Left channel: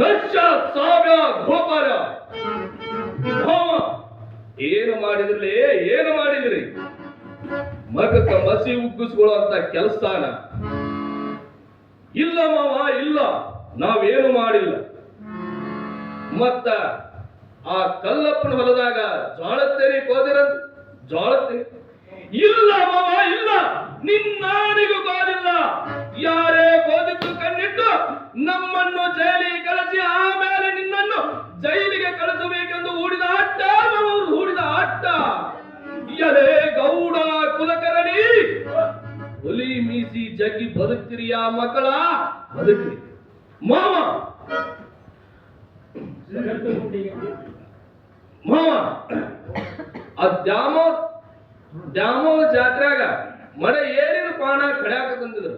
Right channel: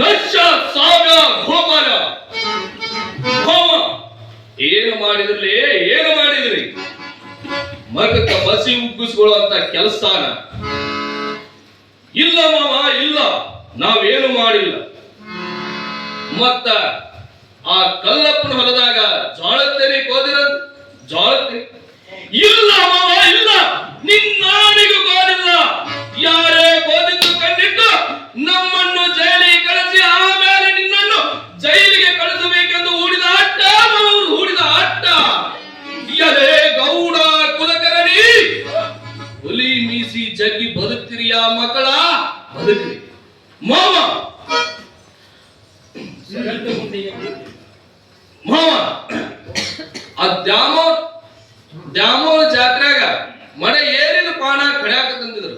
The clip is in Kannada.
ನಶ್ಯ ಸಾಗ ಗೋಪಾಲ ಭಾವ ಏನು ಮಾಡಿದ್ರಿ, ಏನು ಮಾಡಿದ್ರಿ? ಮಗಕ್ಕ ಬಸಿ ಉಗ್ಗಿಸ್ಕೊಳ್ಳುವಂತ ಕೆಲಸನ ಇಲ್ಲ ಮಾವ, ಇಲ್ಲ, ನಾವೇನು ಮಾಡಿಲ್ಲ. ಮತ್ತ ಆ ಕಲ್ಲಪ್ಪನ ಹೊಲದಾಗ ಜೋಳತ್ತೇರಿ ಕೋದಿರಂತ ಜೋಳತ್ತೇರಿ ಇಲ್ಲ ಮಾವ, ಇಲ್ಲ, ನಿನ್ನಾರಿಗೂ ಕೋದಿಲ್ಲ. ಯಾರೇ ಕೋದಿದ್ದು ಕಂಡಿಟ್ಟು ನಮ್ಮನ್ನು ಜೈಲಿಗೆ ಕಳಿಸಿ ಆಮೇಲೆ ನಿನ್ನನ್ನು ಜೈಲಿಗೆ ಕಳಿಸಬೇಕೆಂದು ಹೂಡಿದ ಆಟ, ಅವರು ಹೂಡಿದ ಆಟ. ಎಲೆ ಗೌಡ ಕುಲಕರ್ಣಿ, ಹುಲಿ ಮೀಸಿ ಜಗ್ಗಿ ಬದುಕ್ತಿರಿಯ ಮಕ್ಕಳ, ಬದುಕ್ರಿ ಮಾವ. ಮಾವ ಆ ದ್ಯಾಮೋರ್ ಜಾತ್ರೆಗ ಮಳೆ ಏರಿನ ಪಾನ ಕಡ್ಯಾಕ ತಂದಿದ್ರು.